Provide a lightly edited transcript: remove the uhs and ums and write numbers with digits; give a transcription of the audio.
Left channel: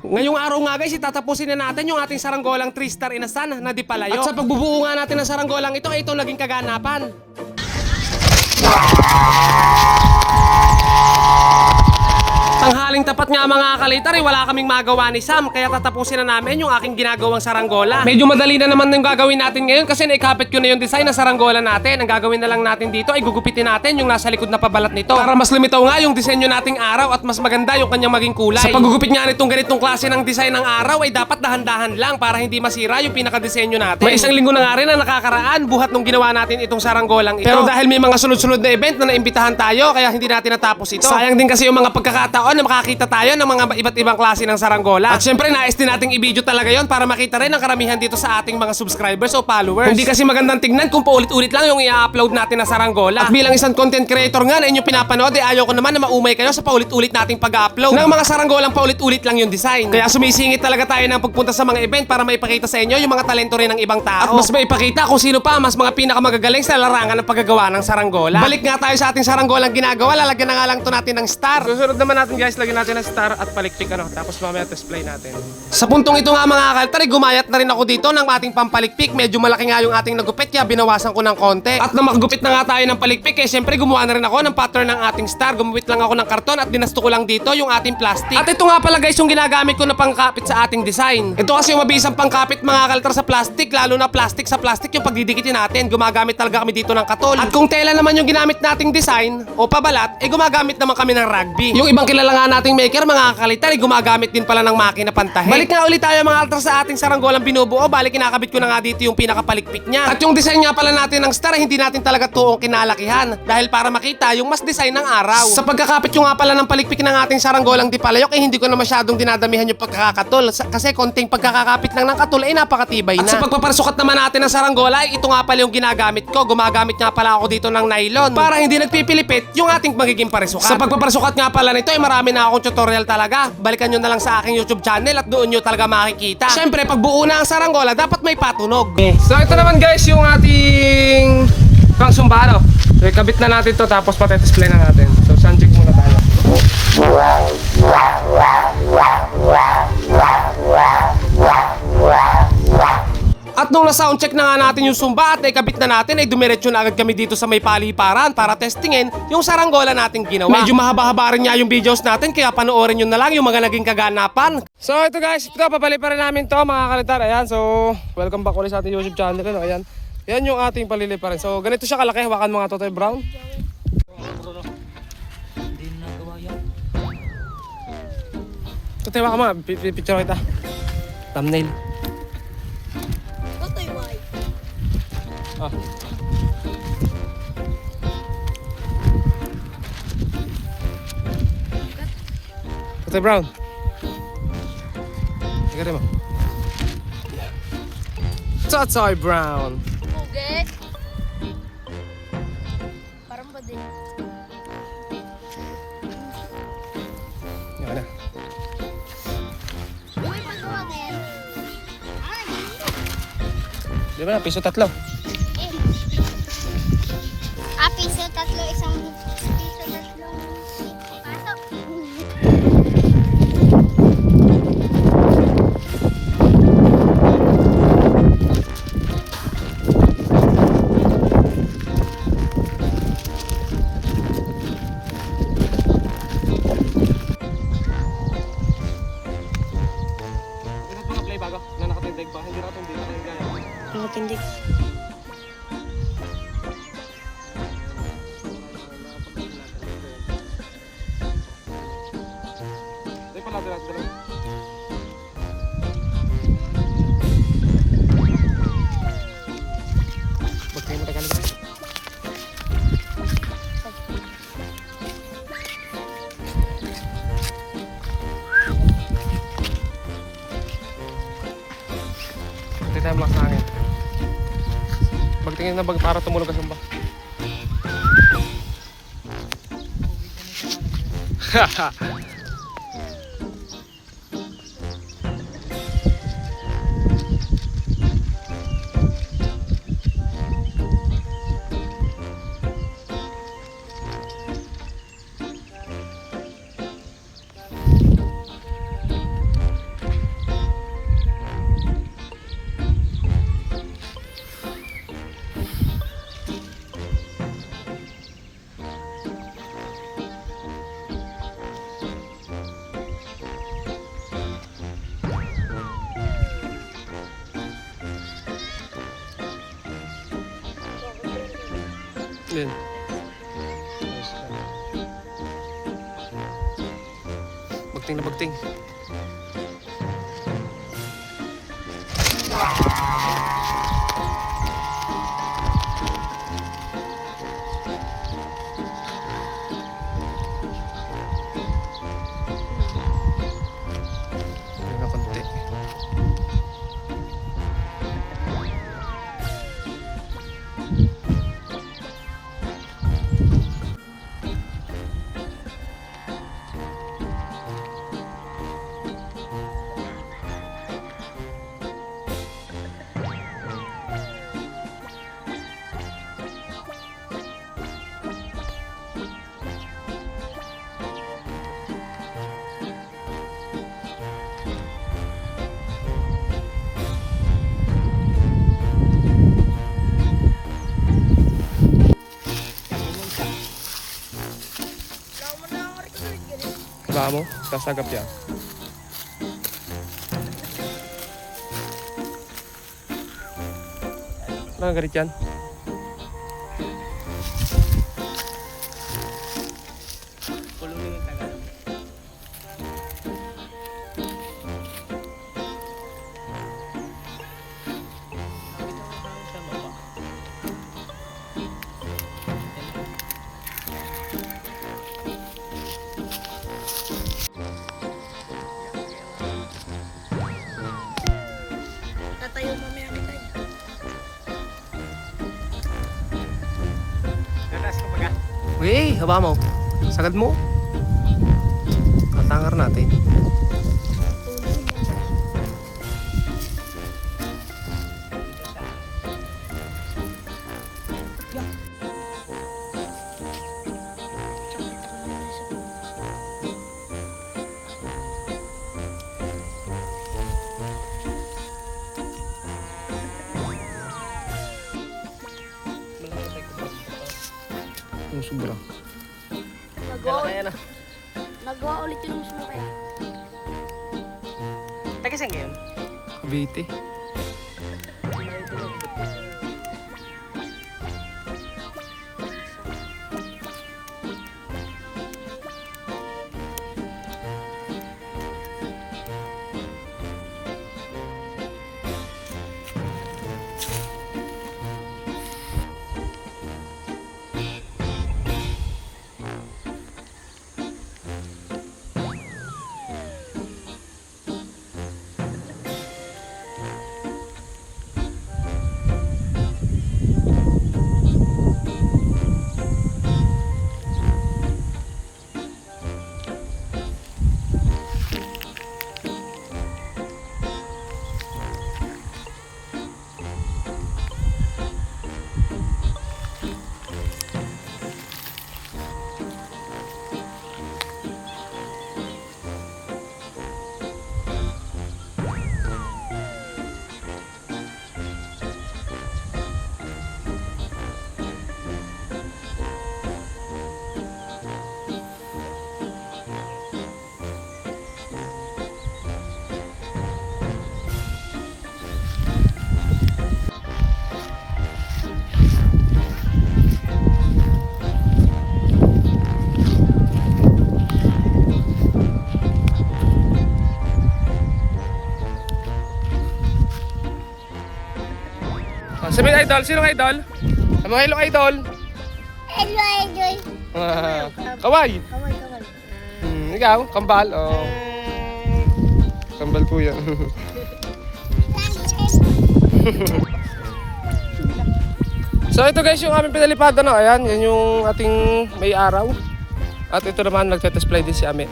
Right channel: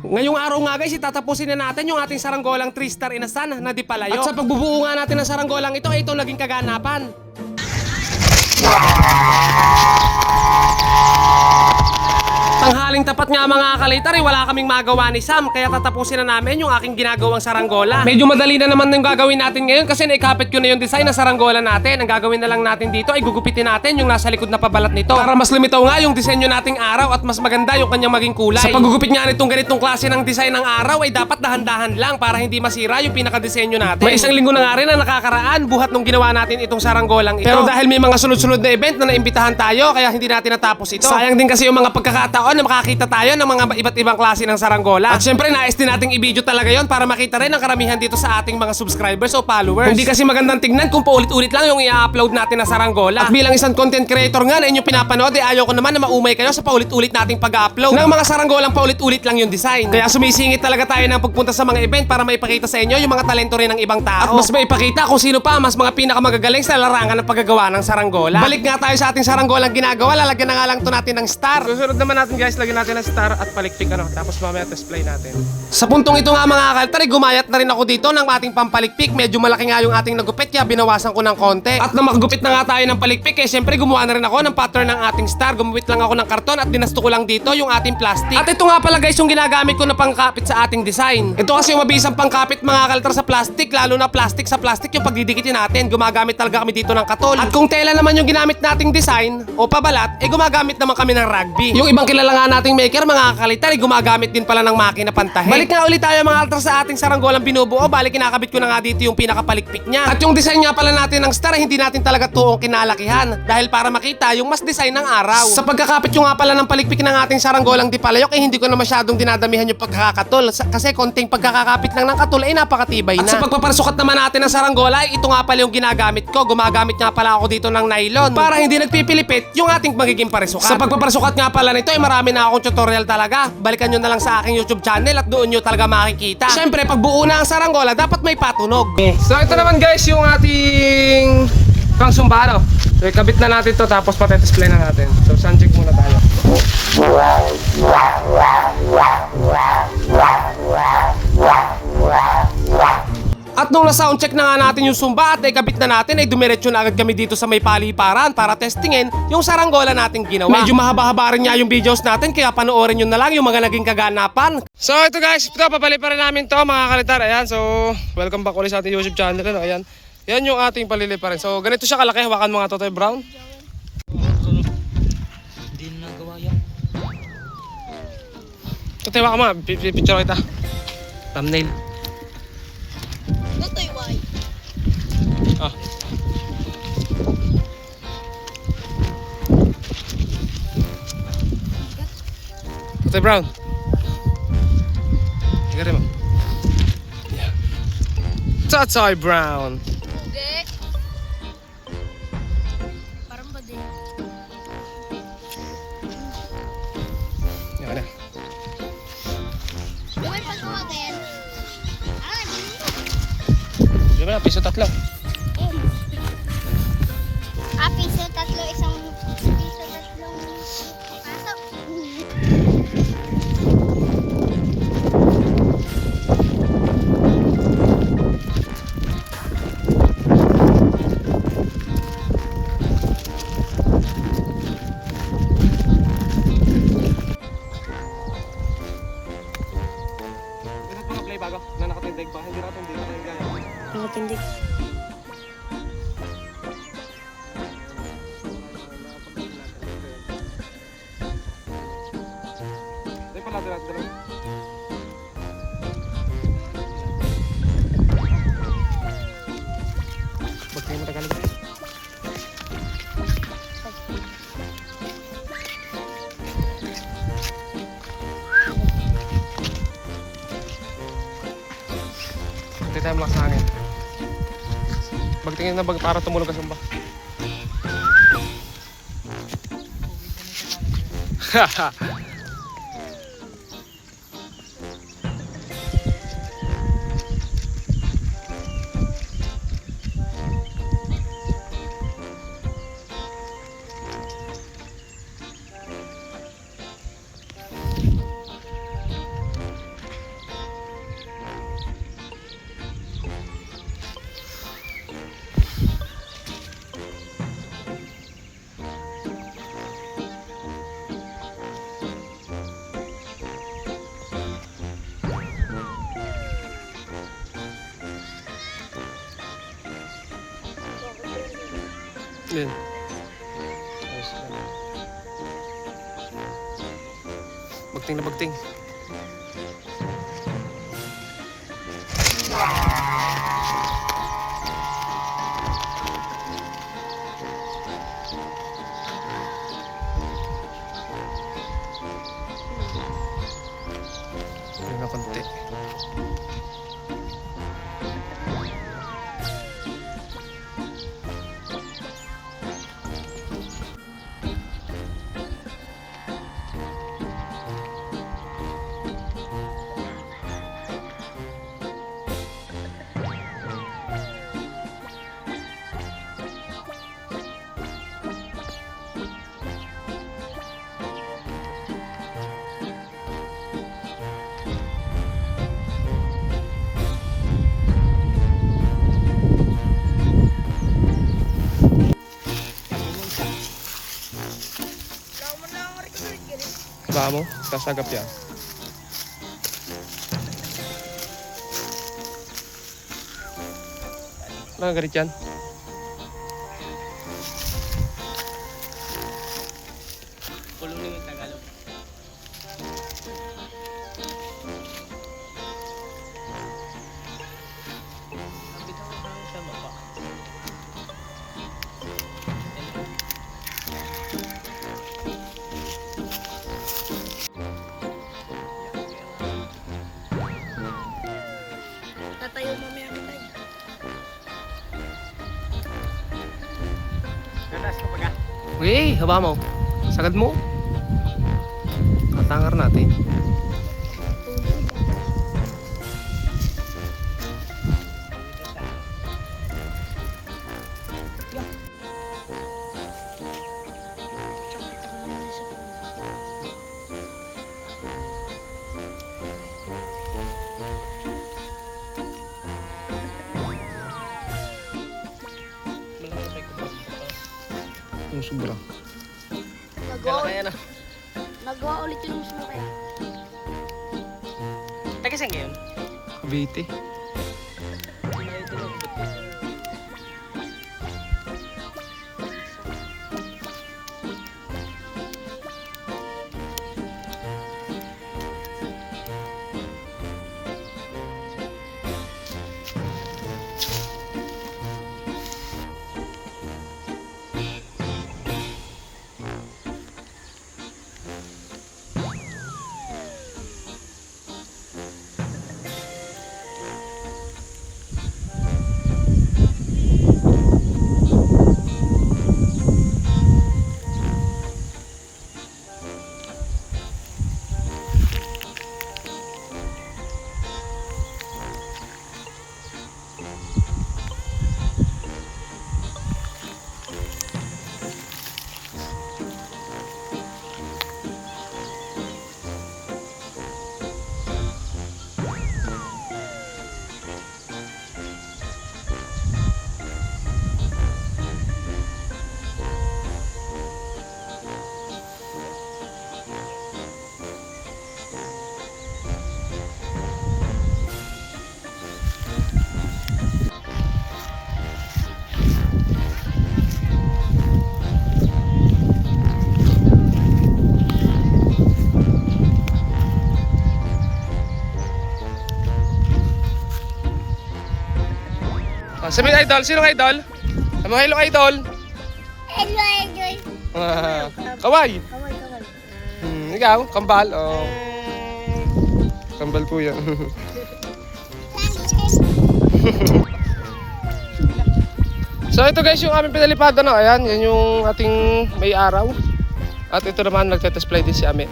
Ngayong araw nga guys, itatapusin na natin yung ating saranggolang 3-star inasan na di palayo. At sa pagbubuo nga natin ng saranggolang ito, ay ito naging kaganapan. Tanghaling tapat nga mga kalitar, wala kaming magawa ni Sam, kaya tatapusin na namin yung aking ginagawang saranggola. Medyo madali na naman yung gagawin natin ngayon kasi naikapit ko na yung design ng saranggola natin. Ang gagawin na lang natin dito ay gugupitin natin yung nasa likod na pabalat nito para mas lumitaw nga yung disenyo nating araw at mas maganda yung kanyang maging kulay. Sa paggugupit nga nitong ganitong klase ng design ng araw ay dapat dahan-dahan lang para hindi masira yung pinakadesenyo natin. May isang linggo na nga rin na nakakaraan buhat nung ginawa natin itong saranggolang ito. Pero dahil may mga sunod-sunod na event na naimbitahan tayo, kaya hindi natin natapos ito. Sayang din kasi yung mga pagkakataon na makakita tayo ng mga iba't ibang klase ng saranggola. At syempre nais din nating i-video talaga yon para makita rin ang karamihan dito sa ating mga subscribers o followers. Hindi kasi magandang tingnan kung paulit-ulit lang yung i-upload natin na saranggola. At bilang isang content creator nga na inyong pinapanood, ayaw ko naman na maumay kayo sa paulit-ulit nating pag-upload ng mga saranggolang paulit-ulit lang yung design. Kaya sumisingit talaga tayo ng pagpunta sa mga event para maipakita sa inyo yung mga talento rin ng ibang tao. At mas maipakita kung sino pa mas mga pinakamagagaling sa larangan ng paggagawa ng saranggola. Balik nga tayo sa ating saranggolang ginagawa. Lalagyan na nga lang to natin ng star. Susunod naman natin guys, lagyan natin ng star at palikpik tapos mamaya display natin. Sa puntong ito nga mga kaltari, gumayat na rin ako dito ng ating pampalikpik. Medyo malaki nga yung ating nagupit kaya binawasan ko ng konti. At nang makagupit na nga tayo ng palikpik, syempre gumawa na rin ako ng pattern ng ating star. Gumupit lang ako ng karton at dinasto ko lang dito yung ating plastic. At ito nga pala guys yung ginagamit ko na pangkapit sa ating design. Ito kasi yung mabisang pangkapit mga kaltar sa plastic, lalo na plastic sa plastic yung pagdidikitin natin. Gumagamit talaga kami dito ng katol. At kung tela naman yung ginamit nating design o pabalat, gumagamit naman kami ng rugby. Yung ibang kilala nga nating maker mga kalitar, gumagamit din pala ng makina pantahe. Balik nga ulit tayo mga altar sa ating saranggolang binubuo. Balik kinakabit ko na nga dito yung pinakapalikpik niya. At yung design nga pala natin ng star, hindi natin talaga tuong kinalakihan dahil para makita yung mas design ng araw. Sa pagkakapit yung nga pala ng palikpik ng ating saranggolang di palayok, hindi ko na masyadong dinadamihan yung pagkakatol kasi konting pagkakakapit lang ng katol ay napakatibay na. At sa pagpaparsukat naman natin ng saranggola, ito nga pala yung ginagamit ko. Gumagamit nga pala ako dito ng nylon para hindi nagpipilipit yung ating magiging parisukat. Sa pagpaparsukat nga pala nito ay marami na akong tutorial talaga. Balikan nyo na lang sa aking YouTube channel at doon nyo talaga makikita. Siyempre, pag buo na ang saranggola, dapat may patunog. So ito naman guys yung ating pangsumba. So ikabit na natin to tapos pati-display na natin. So sound check muna tayo. At nung na-soundcheck na nga natin yung sumba at naikabit na natin, ay dumiretso na agad kami dito sa may paliparan para testingin yung saranggola nating ginawa. Medyo mahaba-haba rin nga yung videos natin kaya panoorin nyo na lang yung mga naging kaganapan. So ito guys, ito papaliparan namin to mga kalitar. Ayan, so welcome back ulit sa ating YouTube channel. Ano? Ayan, yan yung ating paliliparan. So ganito siya kalaki, hawakan mga Totoy Brown. Hindi nagawa yan. Totoy, hawakan mo, picture kita. Thumbnail. Ah. Totoy Brown. Tignan mo. Yeah. Totoy Brown. Hindi. Parang ba din? Yan na. May pagkawatin. Di ba, piso 3. Piso 3, isang piso 3. Ito mga play bago na nakatindig ba? Hindi nakatindig. Nakatindig. Bagay mo tagal ba? Hindi tayo malakas na hangin. Bagtingin na para tumulog ka sumba. Haha. Yan. Bagting na bagting. Yan na konti. Ba mo? Sasagap yan. Ano galit yan? Kulong na yung Tagalog. Bitaw tayo sa baba. Tatayo mamaya kita. Natas ko pag Uy, haba mo. Sagad mo. Tatangar natin. Yung sobra. Kaya na. Nagawa ulit yung musmo kaya. Taga saan ngayon? Cavite. Sabihin idol, sino idol? Ano hello idol? Hello, Idol. Kaway. Kaway, kaway. Ikaw, kambal. Oh. Kambal po yan. So ito guys yung aming pinalipad na. Ayan, yan yung ating may araw. At ito naman nagtetest fly din si Ame.